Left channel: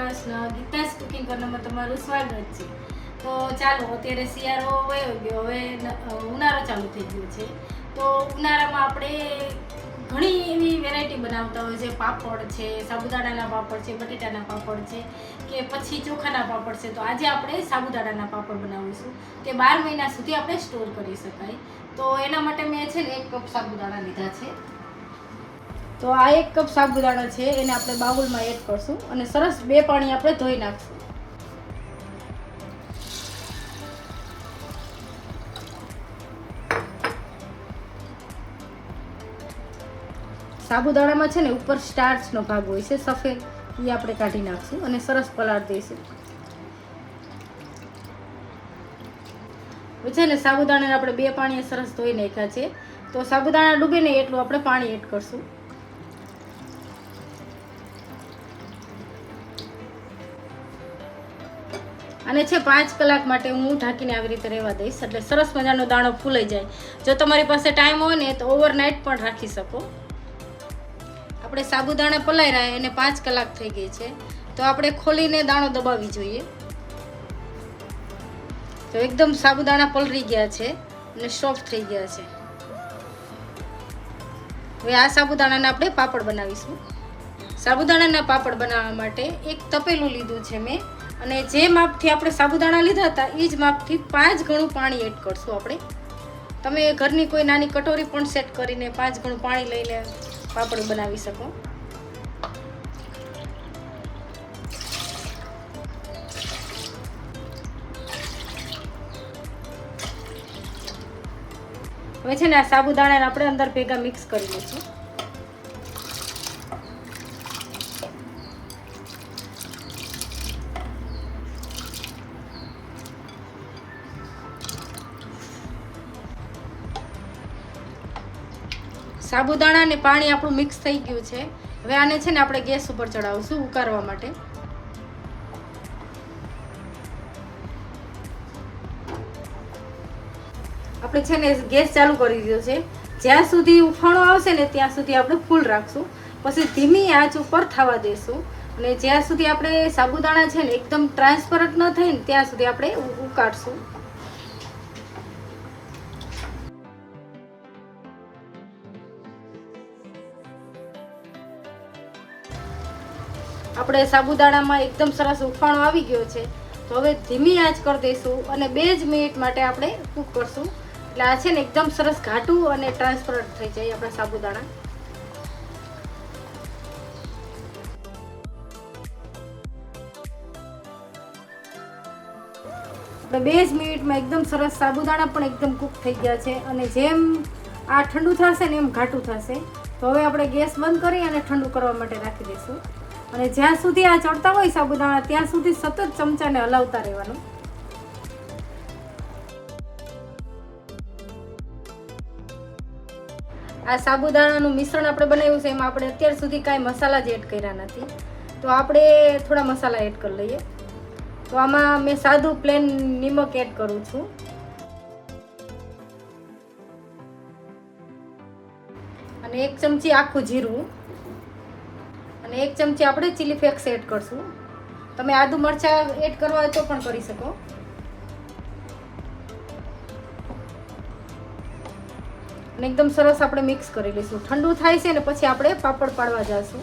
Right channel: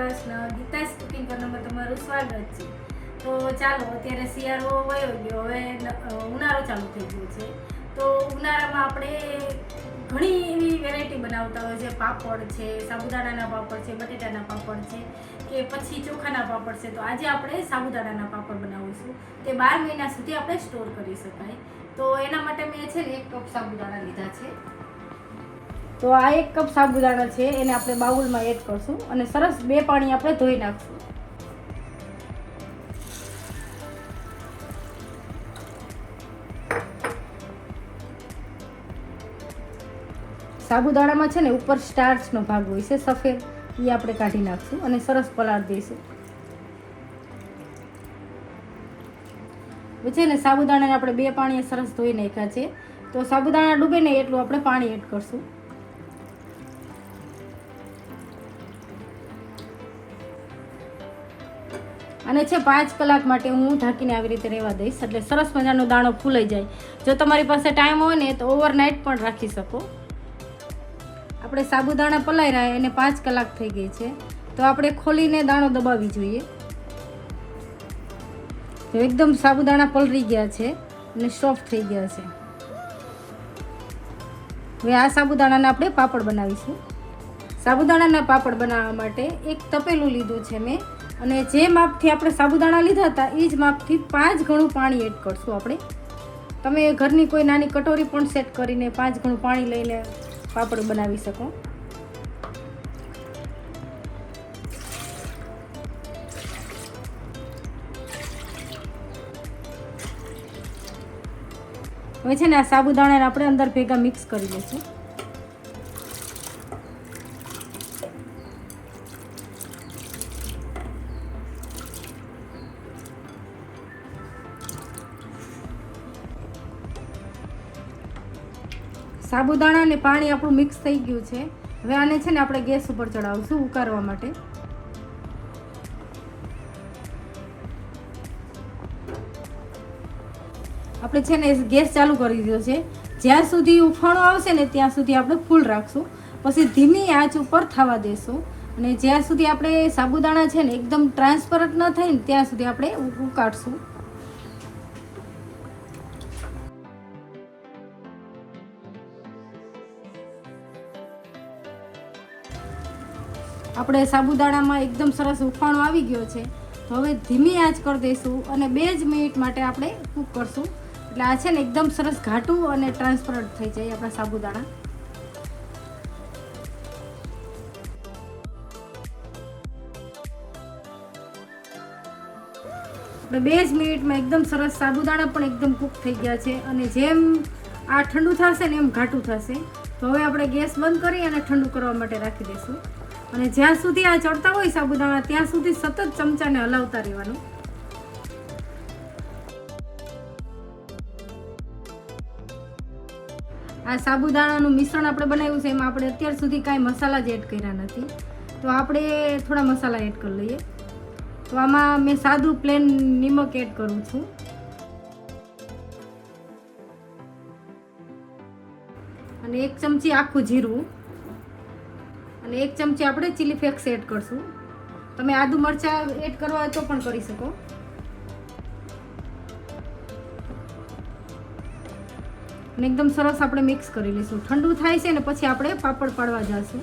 Krishna Geeta's cooking કોર્નરમાં તમારું સ્વાગત છે. તો ચાલો, અત્યારે શિયાળો વયો ગયો, હવે ઉનાળો ચાલુ થઈ ગયો છે. તો ઉનાળામાં આપણે ઘણી એવી વેરાયટી બનાવતા હોય છે. પાપડ છે, સાબુદાણાના પાપડ છે, બટેટાના પાપડ છે, કે પછી ચોખાના પાપડ છે. તો આજે આપણે સાબુદાણાના પાપડ બનાવીશું. તે બાર મહિના સુધી આપણે સ્ટોર કરી શકાય. તો એના માટે મેં છે ને એક કપ સાબુદાણા લીધા છે. તો આ એક કપ સાબુદાણા છે, એને આપણે બાઉલમાં એડ કરશું અને સરસ બે પાણી આપણે ધોઈ નાખશું. સાબુદાણામાં છે ને ઉપર સ્ટાર્ચનો ભાગ હોય છે, સફેદ એ આપણે કાઢી નાખશું અને સરસ પલાળ દઈશું છે ને સાબુદાણાને આપણે બે પાણીએ સરસ ધોઈ નાખ્યા છે. તો સાબુદાણા ડૂબે ને એટલું આપણે પાણી એડ કરશું. અને છે પાંચ કલાક માટે હું ઢાંકીને આવી રીતે રહેવા દઈશ. એટલે સરસ મજાનો દાણો ફૂલાઈ જાય. જો તમારી પાસે ટાઈમ હોય ને, તો ઓવરનાઇટ પણ રાખી શકો. આપણે સાબુદાણા પલાઈ રહ્યા એને પાંચ કલાક થઈ ગઈ છે. તો આપણે ખોલીને દાણો દબાવી જોઈએ. તો એકદમ સાબુદાણા પલળી ગયા છે અને સોફ્ટ થઈ ગયા છે. હવે આ સાબુદાણાના આપણે પાપડ બનાવીશું. સાબુદાણાના પાપડ બનાવવા માટે એક તપેલું લીધું છે મેં. અને જે માપથી આપણે સાબુદાણા લીધા હતા એ જ માપથી પાંચ ગણું પાણી એડ કરશું આપણે. તમે ઘરની કોઈ નાની કટોરી પણ સેટ કરીને પાંચ ગણું પાણી લઈને પાપડ બનાવી શકો. હવે છે ને આ સાબુદાણાને આપણે અંદર ભેગા મિક્સ કરી લઈશું. સાબુદાણા અને પાણી આપણું મિક્સ થઈ ગયું છે. હવે આને છે ને આપણે ગેસ ઉપર ચડાવશું ઉકાળવા માટે. આપણે છે ને ગેસ ચાલુ કરી દીધો છે. જ્યાં સુધી ઉફાણો આવશે ને ત્યાં સુધી આપણે ફૂલ રાખશું. પછી ધીમી આંચ ઉપર થવા દેશું. અને જ્યાં સુધી આપણે સાબુદાણા છે ને એકદમ ટ્રાન્સપરન્ટ ન થાય ને ત્યાં સુધી આપણે ઉકાળશું આપણે સાબુદાણામાં એકદમ સરસ ઉફાણો આવી ગયો છે. તો હવે ધીમી આંચ કરી દઈશું અને બે જ મિનિટ માટે આપણે કૂક કરશું. એટલે આ છે ને એકદમ સરસ ઘાટું અને ટ્રાન્સપરન્ટ થઈ જાય આપણા સાબુદાણા. આપણે બે જ મિનિટમાં એકદમ સરસ સાબુદાણા પણ એકદમ કૂક થઈ ગયા છે અને જેમ આ ઠંડુ થશે ને એમ ઘાટું થશે. તો હવે આપણે ગેસ બંધ કરી અને ઠંડુ કરવા માટે રાખી દઈશું. અને જ્યાં સુધી આ ચડતા હોય સાબુદાણા, ત્યાં સુધી સતત ચમચાને હલાવતા રહેવાનું. આ સાબુદાણાનું મિશ્રણ આપણે બનાવ્યું છે, એમાં આપણે અત્યાર સુધી કાંઈ મસાલા જ એડ કર્યા નથી. તો આપણે થોડા મસાલા એડ કરી લઈએ. તો આમાં મેં સાદું પ્લેન નિમક એડ કરું છું. અને એક ચમચી આખું જીરું. અને એક ચમચી આપણે ચીલી ફ્લેક્સ એડ કરશું. તમે આદુ મરચાં એડ કરવા હોય તો પણ કરી શકો. અને એકદમ સરસ આપણે મિક્સ કરી લઈશું. ઠંડુ થાય છે ને પછી આપણે પાપડ પાડવા જઈશું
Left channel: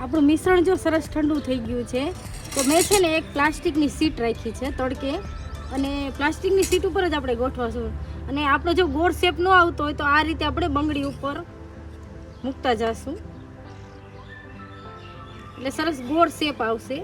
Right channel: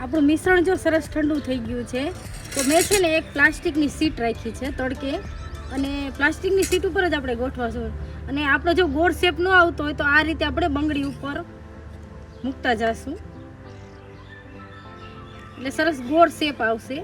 આપણું મિશ્રણ જો સરસ ઠંડુ થઈ ગયું છે, તો મેં છે ને એક પ્લાસ્ટિકની સીટ રાખી છે તડકે. અને પ્લાસ્ટિકની સીટ ઉપર જ આપણે ગોઠવાશું. અને આપણો જો ગોળ શેપ ન આવતો હોય તો આ રીતે આપણે બંગડી ઉપર મૂકતા જઈશું એટલે સરસ ગોળ શેપ આવશે.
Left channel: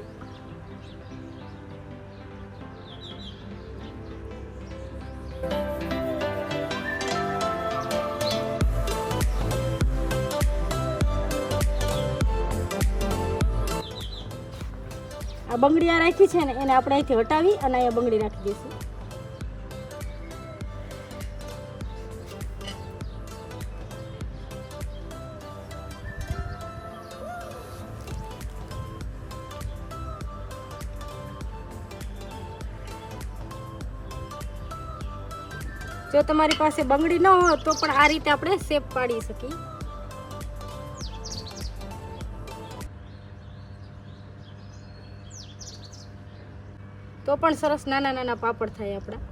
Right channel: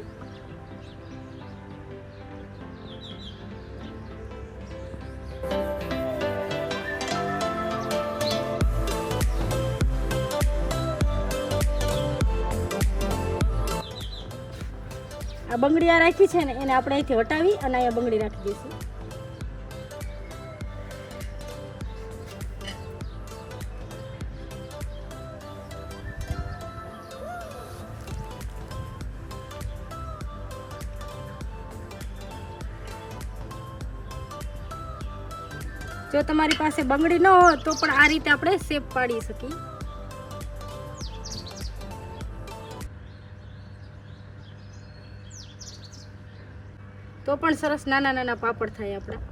આ બંગડી આ રાખી છે ને એને આપણે અહીંથી હટાવી અને અહીંયા બંગડી રાખી દઈશું. જો તમારી પાસે બંગડી ન હોય તો પણ આ રીતે આપણે શેપ પાડી શકીએ. તો પણ સરસ નાના નાના પાપડ થાય આપણા.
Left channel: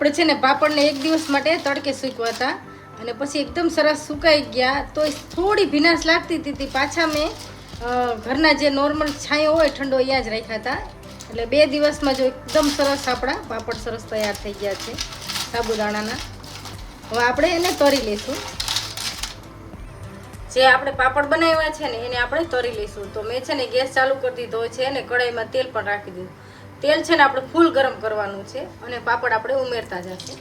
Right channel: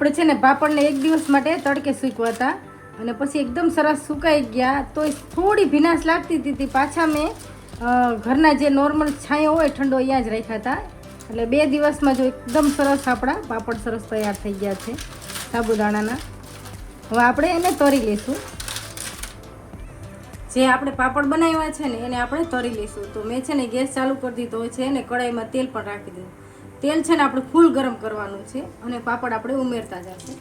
આપણે છે ને પાપડને એક દિવસ માટે તડકે સૂકવા હતા અને પછી એકદમ સરસ સુકાઈ ગયા. તો થોડી ભીનાશ લાગતી હતી પાછા મેં ઘરના જે નોર્મલ છાંયો હોય ઠંડો અહીંયા જ રાખ્યા હતા. એટલે બે દિવસમાં જો એકદમ સરસ આપણા પાપડ સરસ તૈયાર થઈ ગયા છે સાબુદાણાના. હવે આપણે એને તરી લઈશું. જે આપણે પાપડ બનાવ્યા છે ને, એને આપણે તરી લઈશું. તો મેં છે ને ગેસ ચાલુ કરી દીધો છે અને કઢાઈમાં તેલ પણ રાખી દીધું. તેલ છે ને આપણે ફૂલ ગરમ કરવાનું છે અને પાપડ આપણે ઉમેરતા જશે.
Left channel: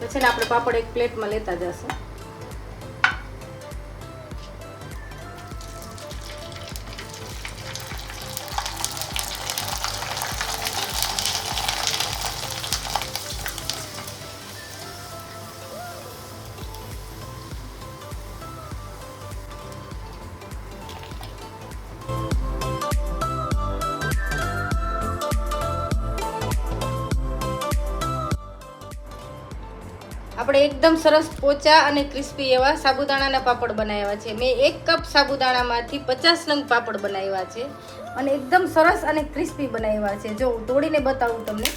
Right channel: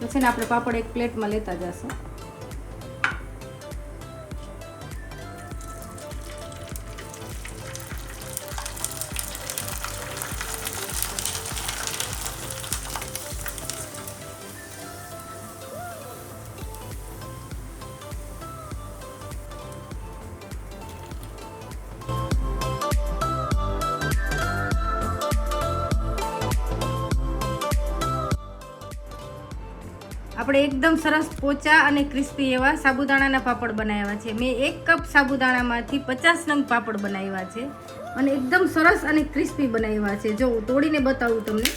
પછી આપણે પાપડ એક પ્લેટમાં લેતા જશું. એકદમ સરસ પોચા અને ક્રિસ્પી એવા સાબુદાણાના પાપડ બનાવ્યા છે. મેં એક કપ સાબુદાણામાંથી પચાસ નંગ પાપડ બનાવ્યા છે અને એકદમ સરસ અને ક્રિસ્પી બનાવ્યા છે. જો તોડીને બતાવું તમને.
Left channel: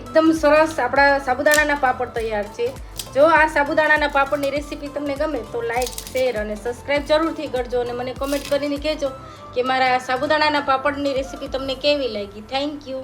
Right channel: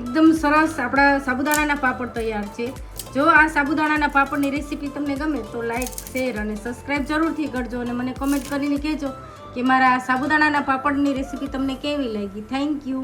એકદમ સરસ આપણા સાબુદાણાના પાપડ તૈયાર છે. જો આ સાબુદાણાના પાપડની રેસીપી તમને ગમે તો લાઈક શેર અને સબસ્ક્રાઈબ જરૂરથી કરજો અને મને કમેન્ટ કરીને કહેજો કે મારા સાબુદાણાના પાપડની રેસીપી તમને કેવી લાગી. Thank you